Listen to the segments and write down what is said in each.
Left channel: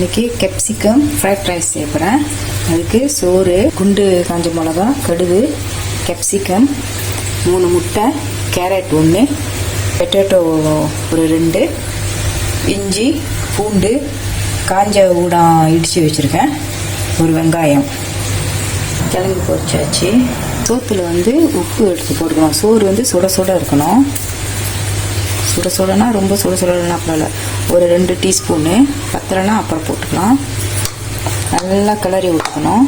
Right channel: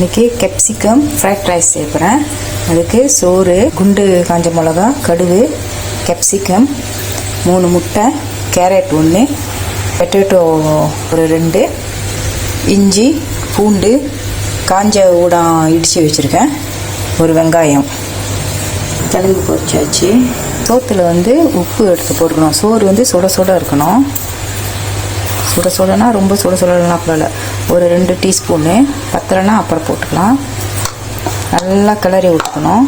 இன்னைக்கு capsicum fried rice செய்யறேன். அதுக்கு சோறு, குண்டு காஞ்ச மிளகா, கடுகு, கேப்சிகம், 3 முட்டை, கேரட் 1, பொட்டேட்டோ ஒரு 2, இஞ்சி, பூண்டு, காஞ்ச ஊடம் இடித்து வச்சுருக்கேன், ஒரு வெங்காயம். கிழங்கு பொரிச்சாச்சு. சோத்தில் உப்பு எடுத்து போட்டுக்கணும். சோறு சுட சுட இருக்கணும். சுட சுடனா ரொம்ப சுட சுடலாம் அப்பல ஒரு 2 டீஸ்பூனு, பத்தலைனா அப்புறம் போட்டுக்கலாம். நல்லா கிளறி விட்டுக்கணும்.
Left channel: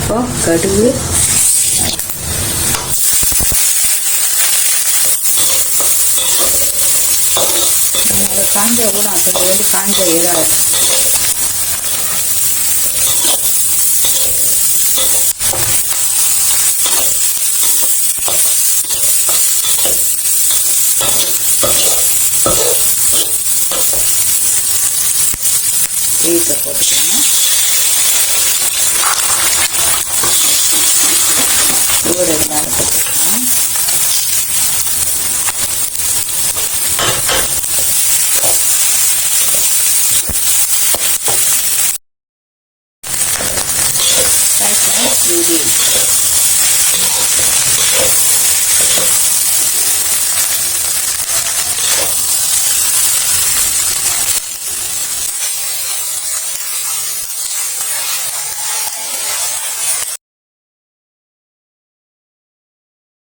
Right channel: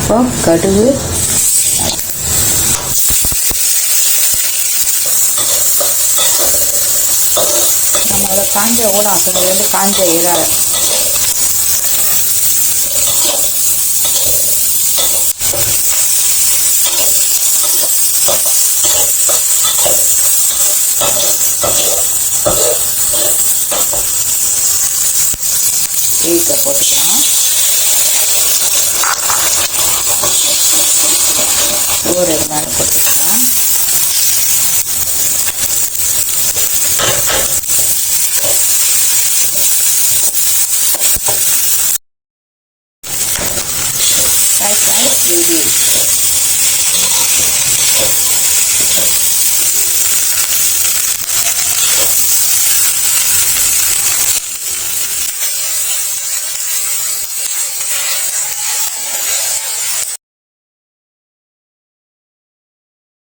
இப்போ கடுகு, நம்ம அதை காஞ்ச ஊடம் கொஞ்சம் காஞ்ச இலை, வீட்டை போட்டுக்கலாம். சோறு இது மேலே போட்டுக்கலாம். That's nice.